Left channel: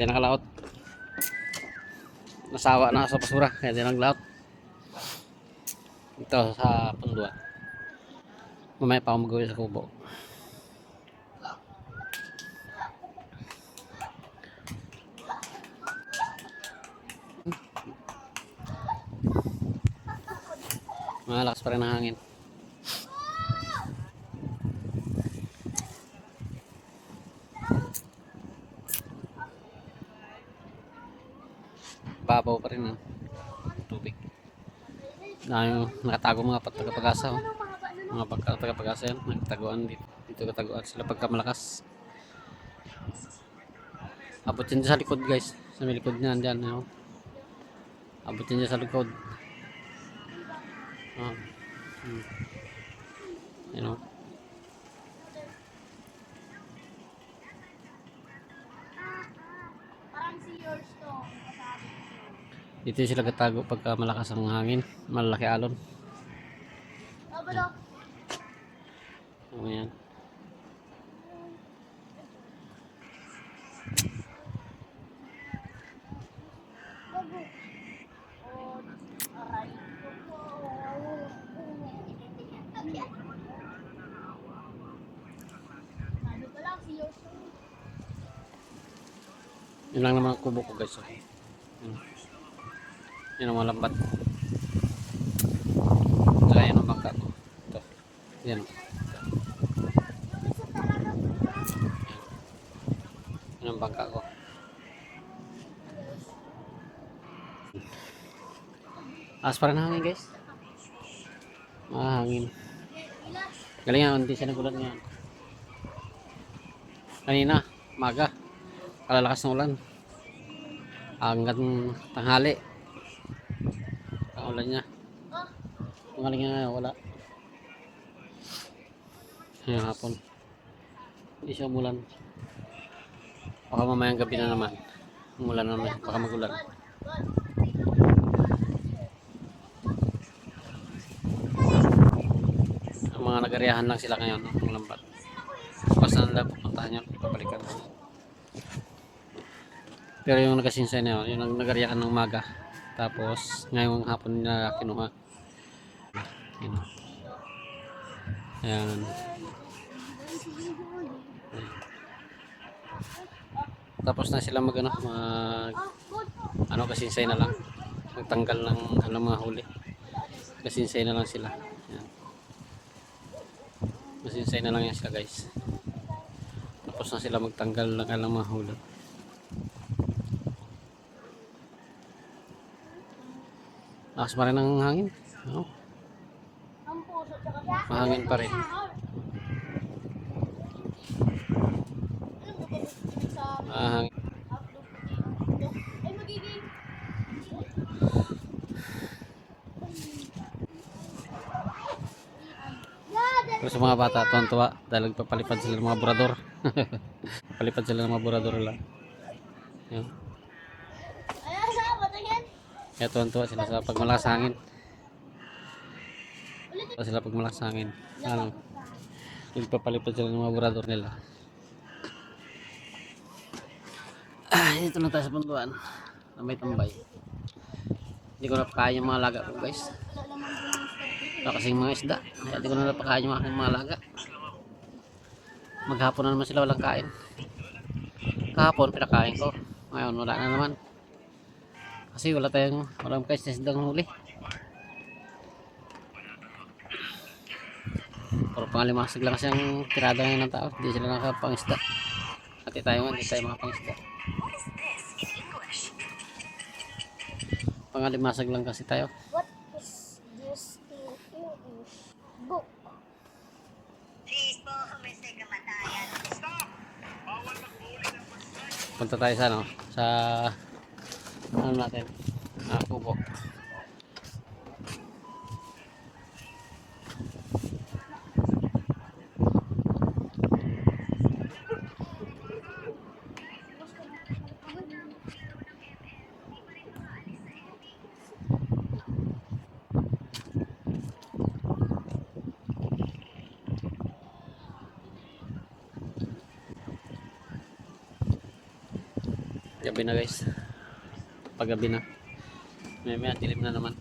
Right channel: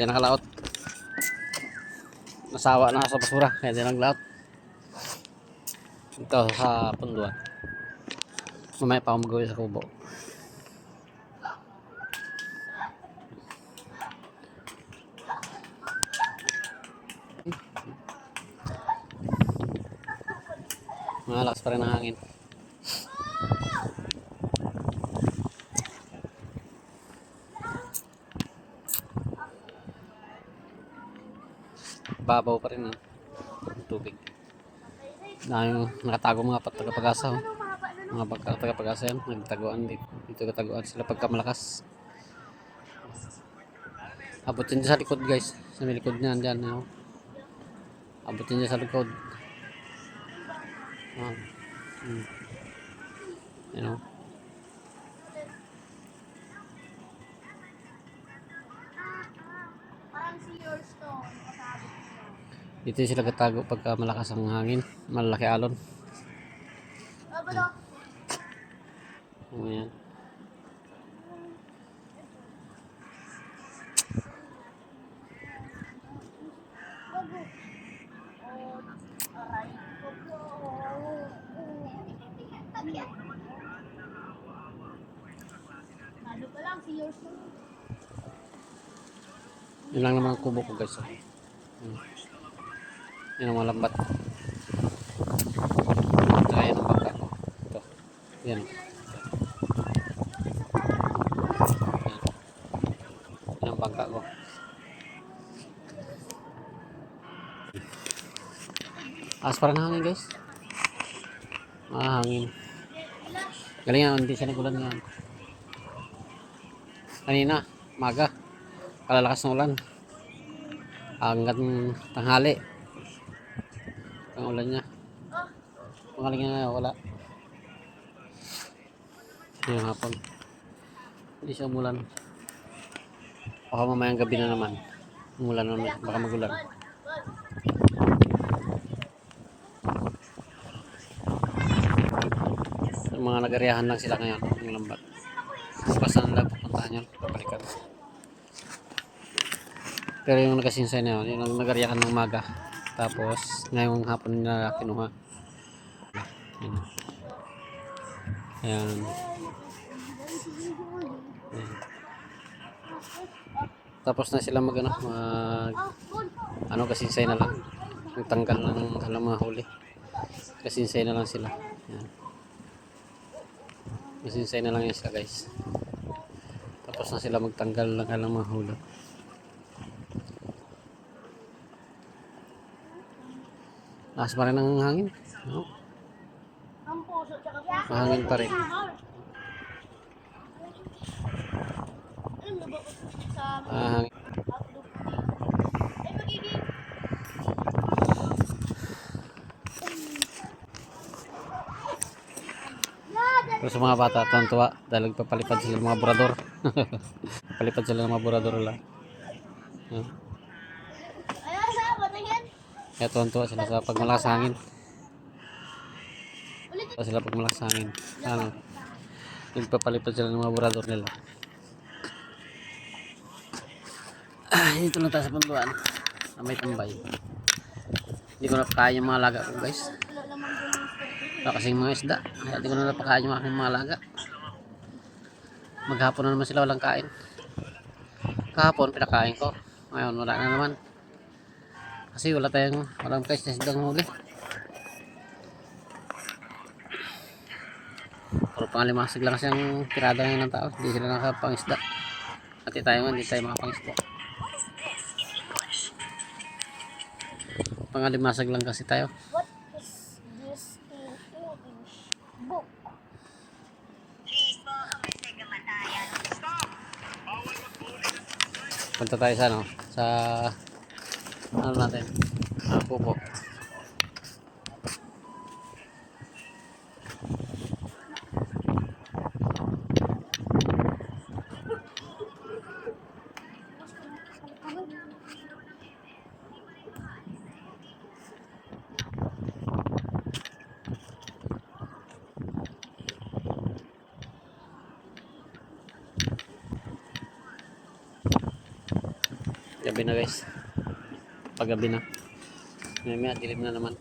Kaya nakalaot. Nasawa na sa basura. Kaya di naglaot. Ito sa punduan. Mamaya pa ako mag-uwi sa kubo. Malakas pa rin ang hangin. Babaw pa rin ang tubig. Nakatago mga taga-pag-asa. Oh. Mga taga-pag-asa yan. Nagtaguan dito. Dito kataguan sila pagka malakas. Abutin dyan sa likod guys. Sa may likod niyan dyan. Oh. Abutin dyan sa likod. Oh. You know. Dito sila katago pagka malakas ang hangin. Malaki alon. Ayan. Yun lang naman ang kubo ko guys. Oh. Yun ang mga lambat. Saka yan ang bangka ko. Ito. Yan. Yan ang bangka ko. As parang hangin guys. Hangin. Galing nga, hindi siya nagulan nga. Kanina, maga. Kalalakas ng ulan. Hanggang tanghali. Ang ulan niya. Magaling nga wala. Ngayong hapon. Hindi siya umulan. Baka mamayang gabi na naman. Umulan na naman. Baka magulan. Ang mga nag-ariyahan lang sila ngayon. Ang lambat. Bukas na lang pupuntahan yun. Papalikan. Pero yung nagasinsay na yun. Yung nag-ariyahan ng maga. Tapos ngayong hapon nila kinuha. Ayan. Ayan. Ayan. Tapos na sila mag kasinsay na lang. Nagtanggal ng mga huli. Kasinsay na lang sila. Ayan. Kasinsay na lang yan sila guys. Tapos na sila magtanggal ng mga huli. Lakas pa rin ang hangin. No? Mahangin pa rin. Hangin. Pero sa mga bata, tuwan-tuwa dahil papalipad sila ng mga burador. Papalipad sila ng mga burador lang. Yan. Kaya tuwan-tuwa sila sa pagmalakas hangin. Sila pag malakas hangin. Nagpapalipad sila ng mga burador nila. Dito lang tayo sa punduan. Na may tambay. Hindi ko napakain yung mga laga ko guys. Wala kasing mga isda. Kaya hindi ko na napakain yung aking mga laga. Maghapon na naman sila walang kain. Kahapon pinakain ko. Ngayon wala na naman. Kasi walang guys na isdang huli. Puro pangalimasig lang kasi ang tirada ngayon ng tao. Hindi sila nakapangisda. Pati tayo nga, hindi tayo makapangisda. Pangalimasag lang kasi tayo. What is this in English? Book. Punta tayo sa ano natin? Kubo. Gabi na guys. Paggabi na. May dilim na naman.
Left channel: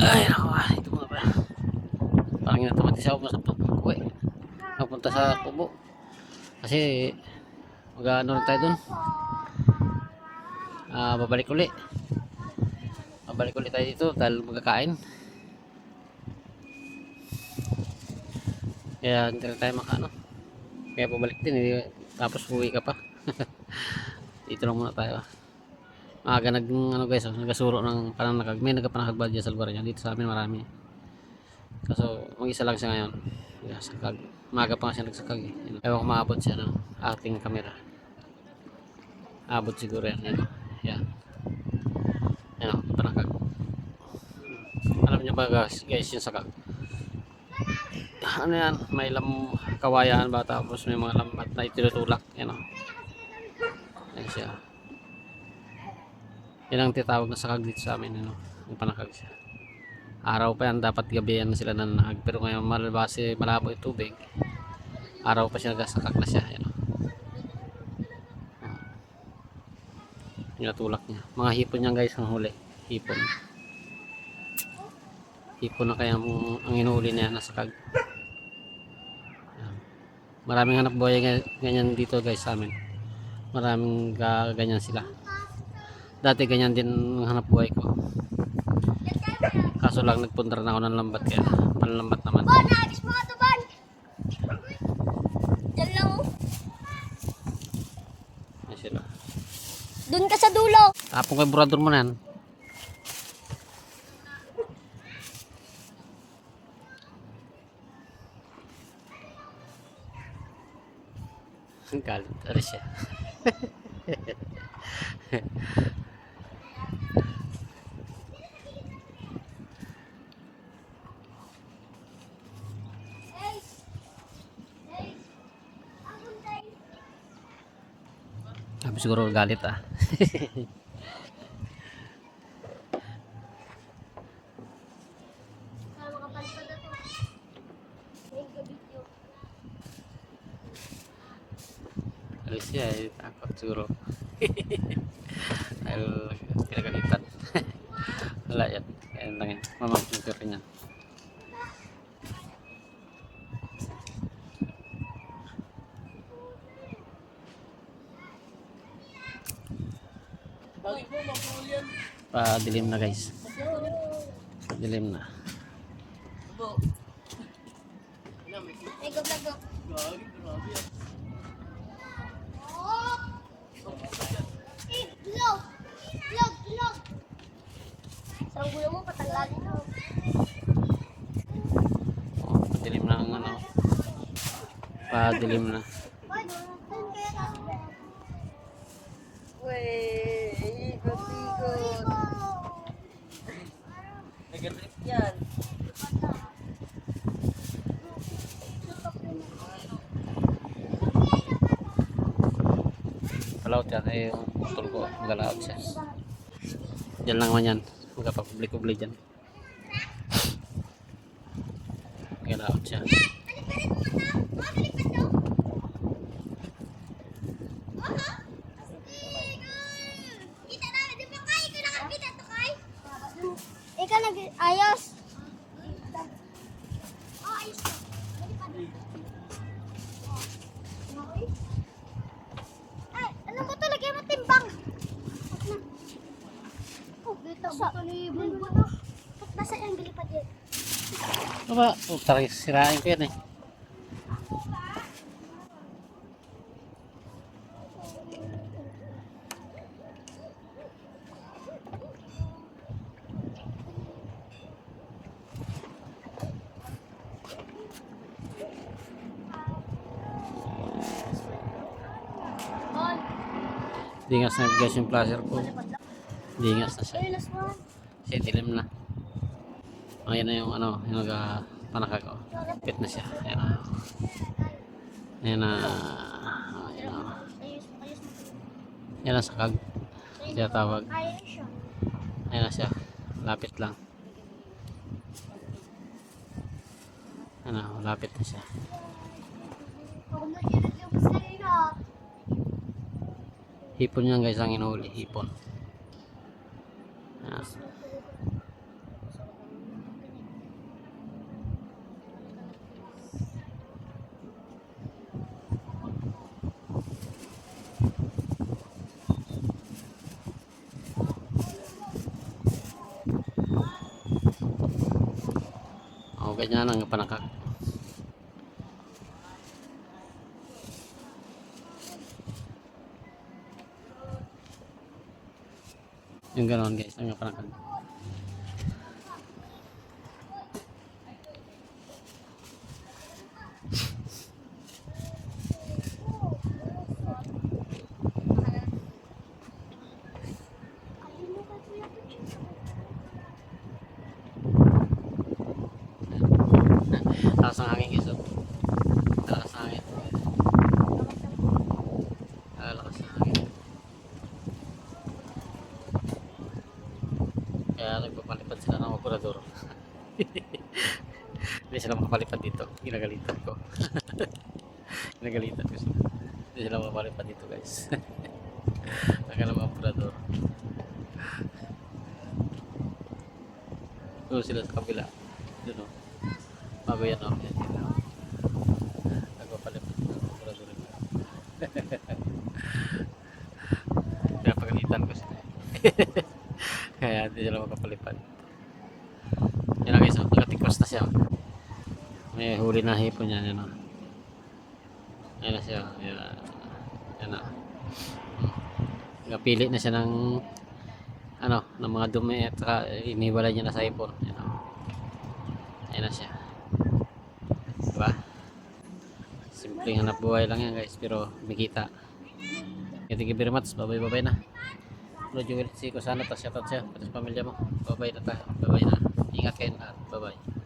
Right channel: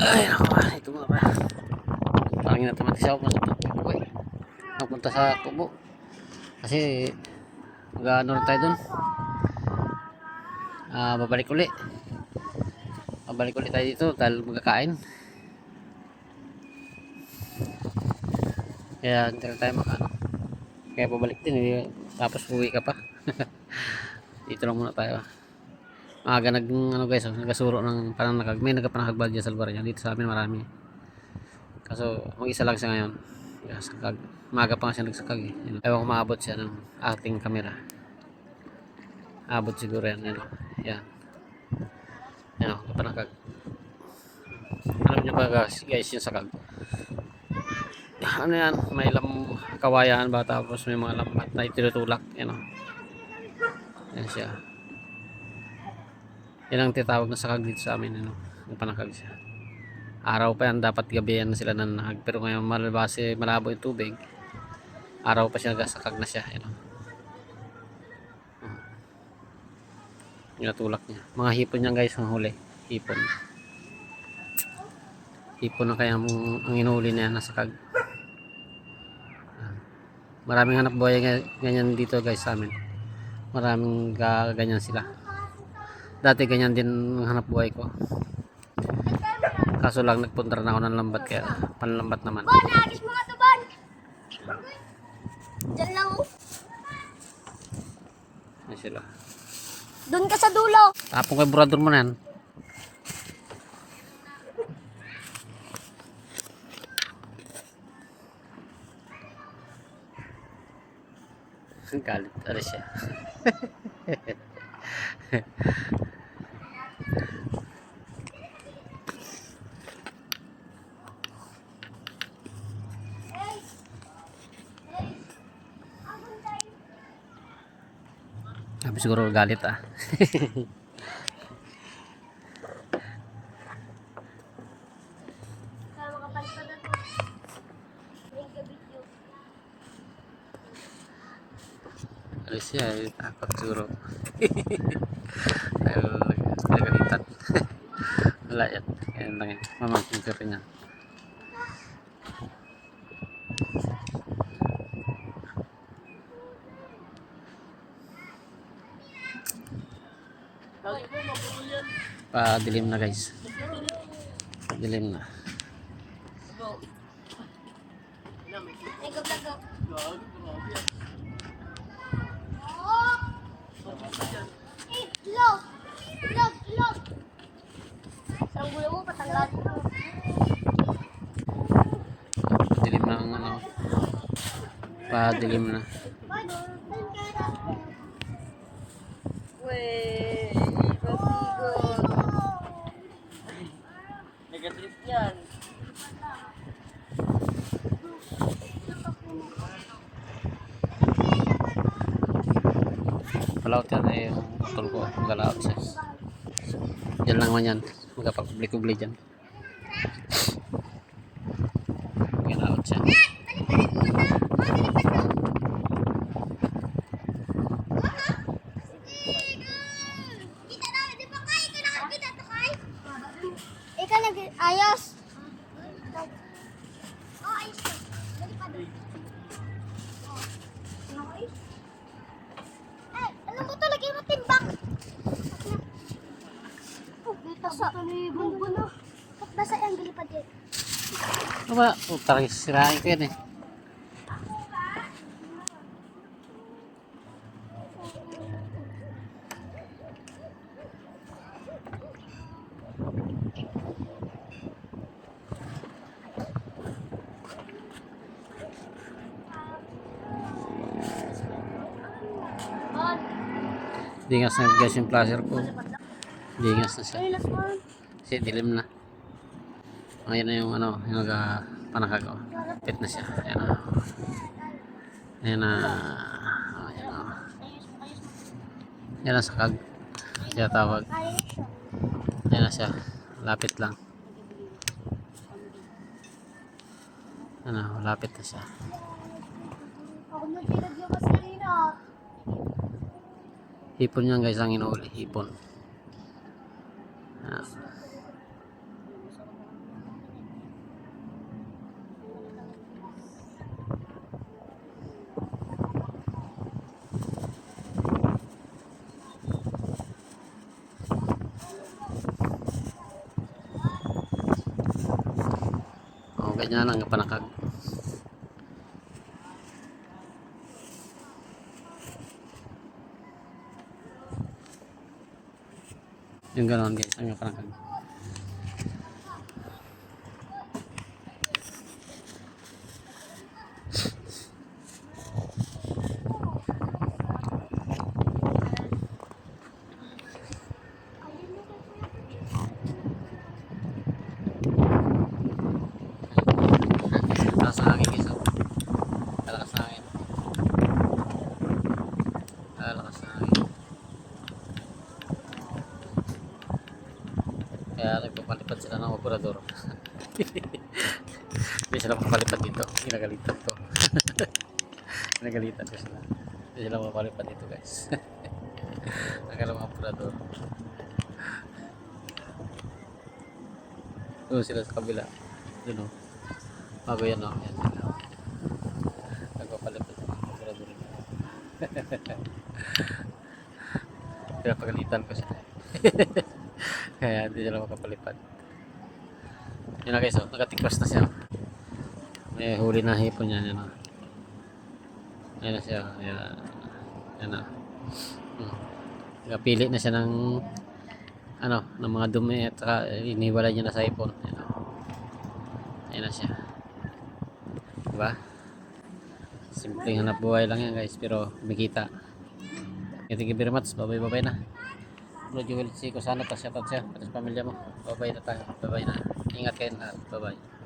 Ay, ako ba? Ito muna ba? Parang inautomatis ako sa tubo eh. Napunta sa tubo. Kasi mag-ano rin tayo dun. Babalik uli. Babalik uli tayo dito dahil magkakain. Kaya hindi na tayo makano. Kaya pabalik din. Tapos uwi ka pa. Dito lang muna tayo. Maaga ano guys, nagasuro ng pananakag. May nagpanakag ba dyan sa lugar niya? Dito sa amin marami. Kaso mag-isa lang siya ngayon. Sakag. Maaga pa nga siya nagsakag eh. Ewan ko maabot siya ng ating camera. Abot siguro yan. Yan. Yan o, panakag. Alam niyo ba guys yung sakag? Ano yan? May kawayan ba? Tapos may mga lambat na itinutulak. Yan o. Yan siya. Yan ang titawag na sakag dito sa amin. Yung panakag siya. Araw pa yan. Dapat gabi yan sila nanahag. Pero ngayon malabase malabo yung tubig. Araw pa siya nagasakag na siya. Yan o. Natulak niya. Mga hipon niya guys ang huli. Hipon. Hipon na kaya ang inuuli niya nasa kag. Maraming hanap buhay ganyan dito guys sa amin. Maraming ganyan sila. Dati ganyan din ang hanap buhay ko. Kaso lang nagpunta na ako ng lambat kaya panlambat naman. Bon, nagis mga to, Bon. Diyan lang, oh. Ayan sila. Doon ka sa dulo. Tapong kay burador mo na yan. Ang galit. Aris siya. Sabi siguro galit ah. Alis siya, takot siguro. Dahil pinagalitan. Wala yan. Kaya lang yan. Mamangkin ko rin yan. Dilim na guys. Dilim na. Itlog. Sa gulo mo, patanggal ito. Dilim na ang ano. Dilim na. Wey, babigot. Nag-trip yan. Palaut yan eh, yung utol ko. Magalaot siya. Diyan lang man yan. Magkapag-public-public dyan. Magalaot siya. Ikaw nag-ayos. Oh, ayos ko. Dali pa doon. Okay. Ay, alam ko to, lagyan mo timbang. Oh, dito sa bumbo na. Basta yung gali pa dito. Ano ba? Tarik sirain ko yan eh. Dingas na guys yung placer ko. Dingas na siya. Ay, last one. Kasi dilim na. Ayan na yung ano, yung panakag ko. Pit na siya. Ayan na. Ayan na. Ayan na. Ayan na sakag. Kaya tawag. Ayos siya. Ayan na siya. Lapit lang. Ano, malapit na siya. Ako na kinagyamas kanina. Hipon yan guys ang inuuli, hipon. Ah. Oh, ganyan ang panakag. Yung ganoon guys, ang panakag. Lakas ng hangin guys, oh. Lakas ng hangin. Lakas ng hangin. Kaya nagpapalipad sila ng operador. Hindi sila makapalipad dito. Ginagalitan ko. Ginagalitan ko sila. Hindi sila makapalipad dito guys. Ang mga operador. Doon sila sa kabila. Doon o. Bago yan o. Yan sila. Nagpapalipad ng operador. Kaya pagalitan ko sila. Kaya hindi sila makapalipad. Yan na guys, oh, nakatikwas na siya. May huli na hipon yan, yan o. Ayan na siya. Yan na. Nakapili na siya ng ano, ng mga dumi at saka iniwala niya na sa hipon. Yan o. Ayan na siya. Diba? Simpleng hanap buhay lang yan guys, pero kumikita. Thank you very much. Bye-bye na. Lord Joel, si Kusano, pa shoutout siya, pati sa pamilya mo. Bye-bye na tayo. Bye-bye na. Ingat kayo na. Bye-bye.